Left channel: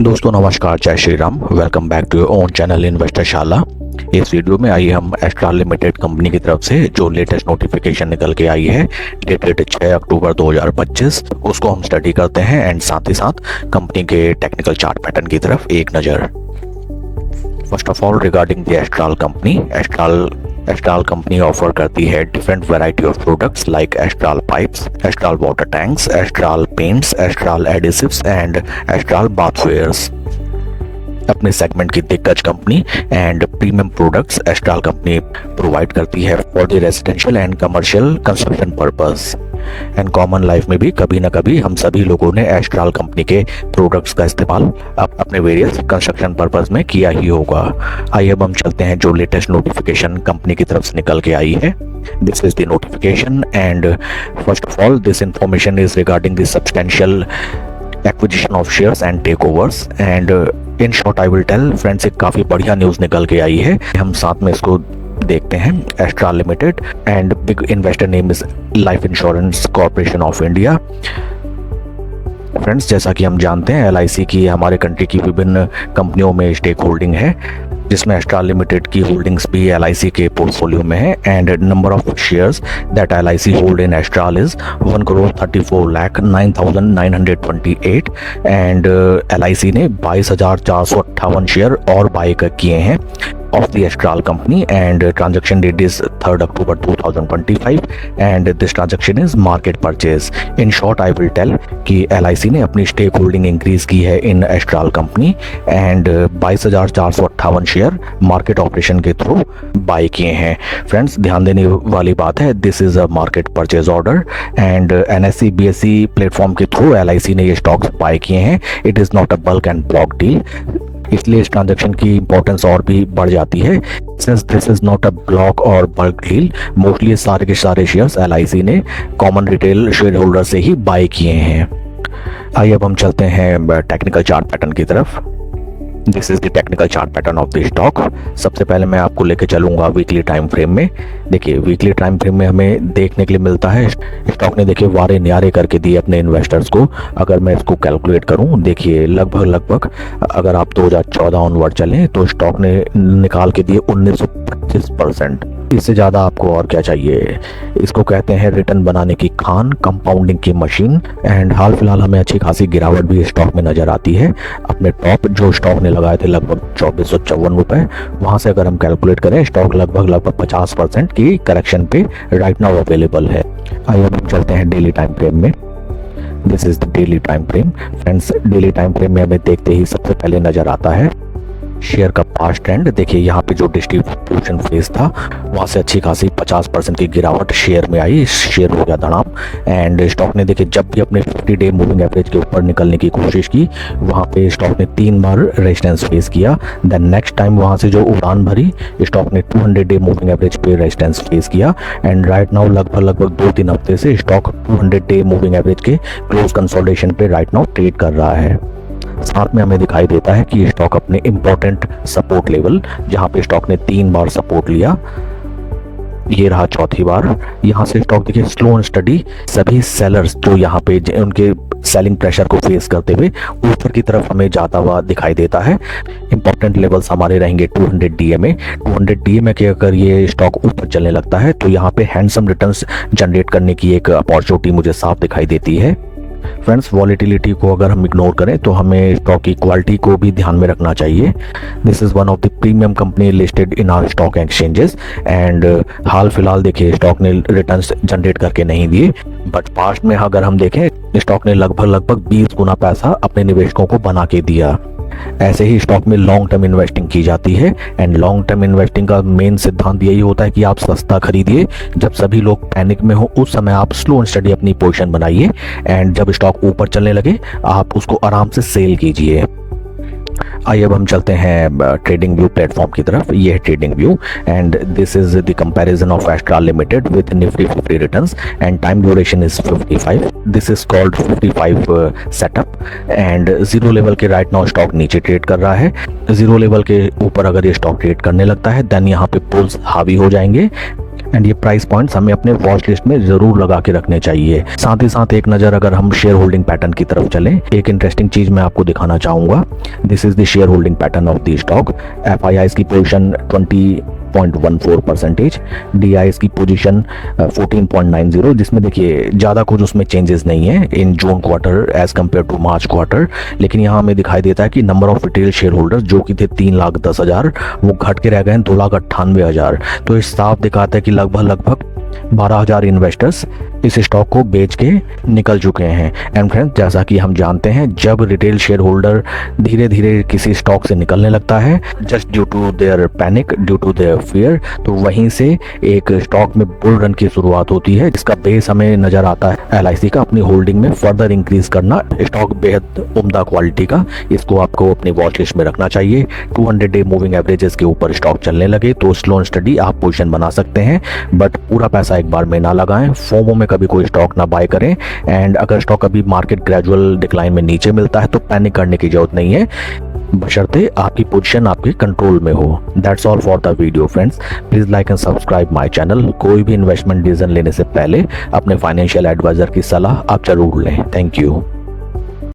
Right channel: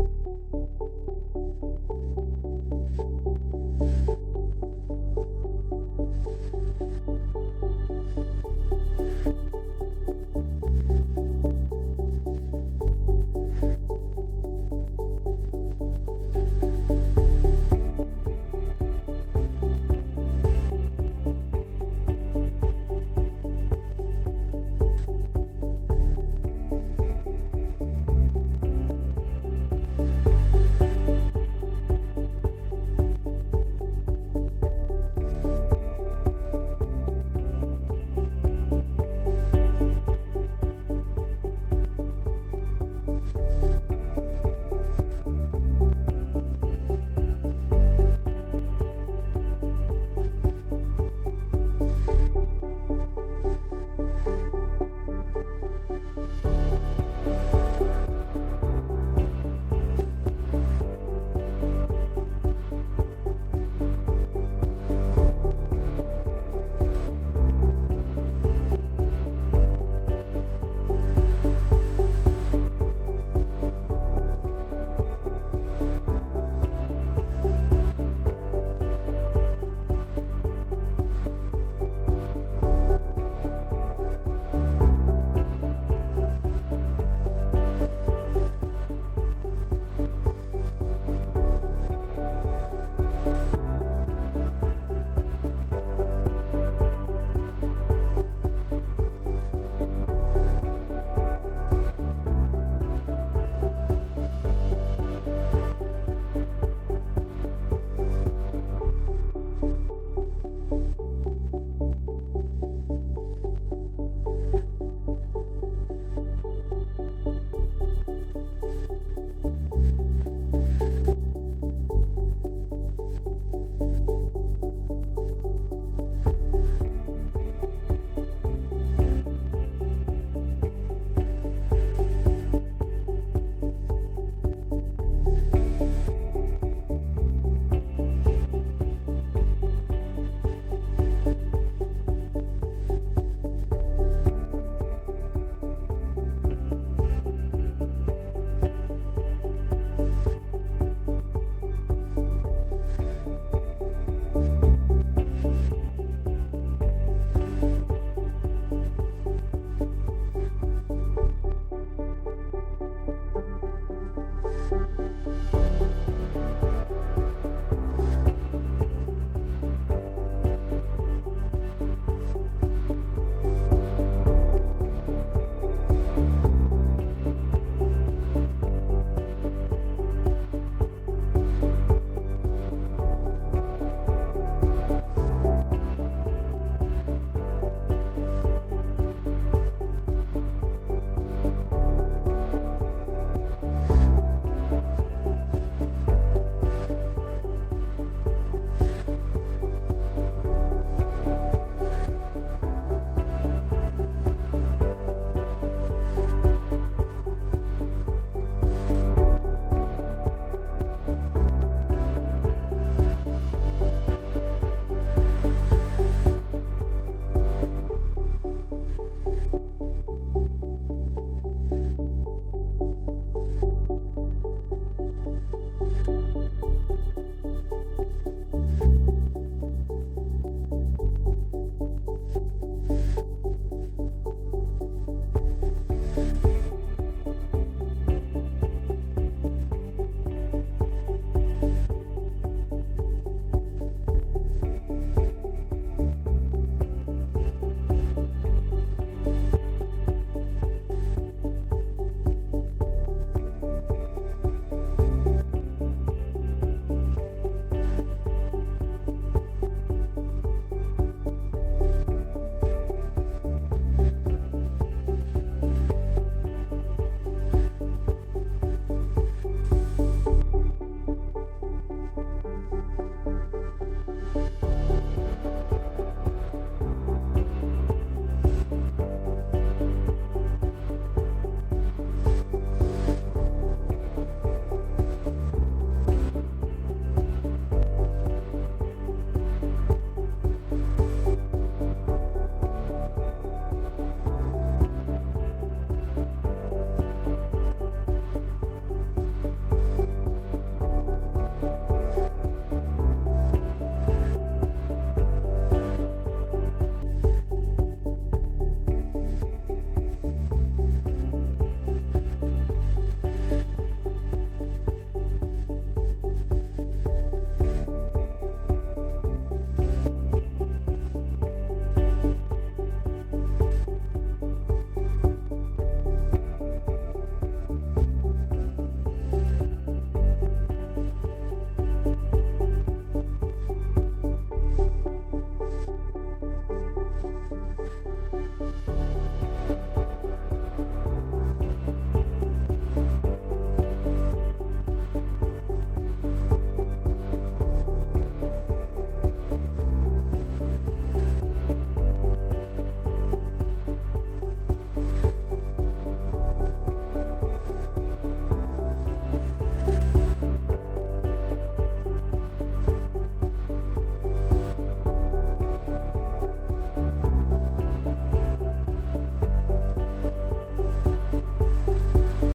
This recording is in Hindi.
दोस्तों नमस्कार, जय Shri Ram. Welcome back to your own channel investor Shala. इस वीडियो में आइए हम एस्ट्राल लिमिटेड कंपनी की तरफ से जो लेटेस्ट नोटिफिकेशन निकल के आई है डेटेड 6 अक्टूबर 2025 उसको हम स्टडी करते हैं एंड साथ ही साथ कंपनी के टेक्निकल चार्ट पैटर्न की तरफ एक नज़र। First of all regarding the Astral company offer करती है different variety of products like Astral pipes, Astral water tanks, Astral paints, Astral adhesives and Astral bathwares. अपने सेगमेंट की दिग्गज company and premium products Astral company provide करती है for the residential and commercial construction purpose. And common life में भी कभी ना कभी हम सभी लोगों ने एस्ट्राल कंपनी के प्रोडक्ट्स का इस्तेमाल अपने वेरियस कंस्ट्रक्शन पर्पस में किया ही होगा। आइए अब हम चलते हैं जो लेटेस्ट नोटिफिकेशन कंपनी की तरफ से निकल के आई है। This is the notification and first of all this information is regarding the substantial acquisition of shares and takeovers and in short I will tell friends, एक काफ़ी बढ़िया न्यूज़ निकल के आई है। हम साथ में इसको देखते हैं। Astral limited and big investor name is life insurance corporation of India. Friends, जैसा कि हम जानते हैं LIC की हमारे कंट्री की विभिन्न कंपनियों में स्टेक होल्डिंग है, जिसमें एस्ट्राल लिमिटेड की होल्डिंग्स भी LIC के पोर्टफोलियो में है। And number of shares that LIC hold in astral is 1,34,09,928 and LIC ने 22,458 शेयर और बाय किए हैं of the Astral company and transaction date is 3rd October 2025 and this transaction is market purchase. In short I will tell कि LIC ने अपनी स्टेक होल्डिंग इंक्रीज की है in Astral company and 22,458 share market operation के थ्रू बाय किए हैं। फ्रेंड्स, ध्यान देने वाली बात है, this is a market purchase order and NSE BSE platform के थ्रू LIC ने ये स्टॉक्स बाय किए हैं। It is not a bulk and block deal, इसलिए इस ट्रांजैक्शन की इंपॉर्टेंस और भी बढ़ जाती है। Since this is not a block और बल्क डील, मोस्टली सारे के सारे शेयर्स LIC ने कॉमन रिटेल शेयर होल्डर से ही बाय किए हैं। आइए अब हम चलते हैं टेक्निकल चार्ट पैटर्न की तरफ। This is the technical chart pattern of the stock. सबसे पहले मैं आपको लेके चलूंगा वीकली टाइम फ्रेम में। देखिए, वीकली टाइम फ्रेम में हमें देखने के लिए मिलता है स्टॉक ने देखिए वारे न्यारे करके दिए अपने इन्वेस्टर्स को। अगर मैं इसको कैलकुलेट करूं, देखिए लगभग अगर आप 2014 ऑनवर्ड चलें तो स्टॉक ने निकाल के दिए 1925%। इससे ज़्यादा आपको और क्या चाहिए। इसको कहते हैं रिटर्न बनाने की खान, कंपाउंडिंग की मशीन। एंड हाल फिलहाल हमें अच्छी खासी गिरावट भी स्टॉक में नजर आती है। अपने टॉप जो स्टॉक ने लगाए थे लगभग 2454 रुपए, वहां से अगर हम कैलकुलेट करें स्टॉक लगभग 50% की करेक्शन पे राइट नाउ अवेलेबल है। आइए हम चलते हैं डेली टाइम फ्रेम में। This is the daily time frame. Friends, daily time frame में हमें देखते ही सबसे पहले नजर आता है शेयर का पास्ट ट्रेंड। देखिए यहाँ पे जो डिस्ट्रीब्यूशन फेज था वहाँ से अच्छी खासी 50% की गिरावट शेयर में आई। शेयर हो गया धड़ाम एंड स्टॉक ने देखिए जब भी अपने 50 डे मूविंग एवरेज के ऊपर निकलने की कोशिश की, वहाँ पे स्टॉक ने 3 बार रेजिस्टेंस फेस किया। देन नेक्स्ट टाइम वहाँ से जो उड़ान भरी, स्टॉक ने 200 डे मूविंग एवरेज पे रेजिस्टेंस फेस किया एंड राइट नाउ लगभग 2-3 हफ्ते से स्टॉक 200 डे मूविंग एवरेज के क्लोज कंसोलिडेशन पे राइट नाउ ट्रेड कर रहा है। साथ में हमें दिखाई देता है कि स्टॉक अपने इंपॉर्टेंट सपोर्ट लेवल, जहां पे स्टॉक ने 3 बार सपोर्ट लिया, ये रहा चौथी बार। यहाँ से स्टॉक देखिए स्लो एंड स्टडी, सभी सेलर्स जो यहाँ पे उनके सेलिंग प्रेशर को फेस करते हुए ऊपर की तरफ हमें जाता हुआ दिखाई देता है। इंपॉर्टेंट लेवल्स हमारे रहेंगे 200 DMA। 200 DMA के अगर ये स्टॉक ऊपर चलने लगता है तो यहाँ पे हैंडसम रिटर्न्स जनरेट करने की एक अपॉर्चुनिटी मुझे साफ दिखाई देती है। फ्रेंड्स, वॉलेटिलिटी को अगर हम इग्नोर करें तो हमें स्टॉक की क्वालिटी को भी ध्यान में रखना चाहिए। This is one of the premium company listed in our stock exchanges and हाल फिलहाल देखिए स्टॉक ने रिटर्न्स जनरेट करके नहीं दिए, बट पास्ट में अगर हम देखें स्टॉक ने लगभग 20 गुना पैसा अपने निवेशकों को बना के दिया। ऐसे ही स्टॉक में लॉन्ग टर्म इन्वेस्टिंग की जाती है एंड लॉन्ग टर्म इन्वेस्टिंग का मेन सिद्धांत यही होता है कि आप सस्ता खरीदिए, जब सभी लोग पैनिक में हो उस समय आप स्लो एंड स्टडी अपनी पोजीशन बनाइए एंड जब स्टॉक ऊपर चलने लगे आप उसको आराम से सेल कीजिए। आइए अब हम चलते हैं ट्रेडिंग व्यू प्लेटफॉर्म की तरफ। ये है trading view and this is the comparison of astral limited with Nifty 50 returns and time duration is 55। This is called 55 setup and zero level के राइट नाउ स्टॉक नीचे ट्रेड कर रहा है। जीरो लेवल के ऊपर अगर ये स्टॉक ट्रेड करने लगता है देन यहाँ पे पुल्स हावी हो जाएंगे एंड ये प्राइस पॉइंट्स हमें अपने वॉच लिस्ट में जरूर लगा के रखने चाहिए। साथ ही साथ एक नज़र अगर हम शेयर होल्डिंग पैटर्न की तरफ चलें, एक इंटरेस्टिंग चीज मैं आपको दिखाना चाहूंगा। This is the share holding pattern of the stock. FIIs की पोजीशन 20.14%, DIs की पोजीशन 14.90, जिसमें देखिए ज़्यादा कुछ उसमें चेंजेस नहीं है in June quarter as compare to March quarter. लेकिन यहाँ हमें दिखाई देता है कि number of retail share holders जो कि थे 3,10,000, वो घट के रह गए 2,98,000। तो इस साफ दिखाता है कि लगभग 12,000 इन्वेस्टर्स इस स्टॉक को बेच के निकल चुके हैं। एंड फ्रेंड्स, जैसा कि हम जानते हैं, जब रिटेल शेयर होल्डर धीरे धीरे किसी स्टॉक से निकलने लगता है just due to their panic, due to their fear, तो वहीं से एक स्टॉक में बुल रन की शुरुआत होती है, जिसका बेस हमें नजर आता है LIC का अपनी होल्डिंग में फर्दर इंक्रीज करना। स्टॉक बेहद उम्दा क्वालिटी का, इसको आपको अपनी वॉच लिस्ट में रखना चाहिए। 200 डे मूविंग एवरेजेस के ऊपर स्टॉक चलने लगे तो स्लो एंड स्टडी आप पोजीशन बना सकते हैं, बट पूरा पैसा एक बार में ना लगाएं। फोमो में कभी कोई स्टॉक ना बाय करें। एंड अगर स्टॉक अभी मार्केट ग्रेजुअल डिक्लाइन में नीचे मिलता है तो पैनिक करने की जरूरत नहीं है, बशर्ते आपकी पोजीशन आपके कंट्रोल में हो। That's all for the video friends. Please like and subscribe my channel. कोई भी इन्वेस्टमेंट डिसीजन लेने से पहले अपने फाइनेंशियल एडवाइजर की सलाह आप जरूर लें। Thank you.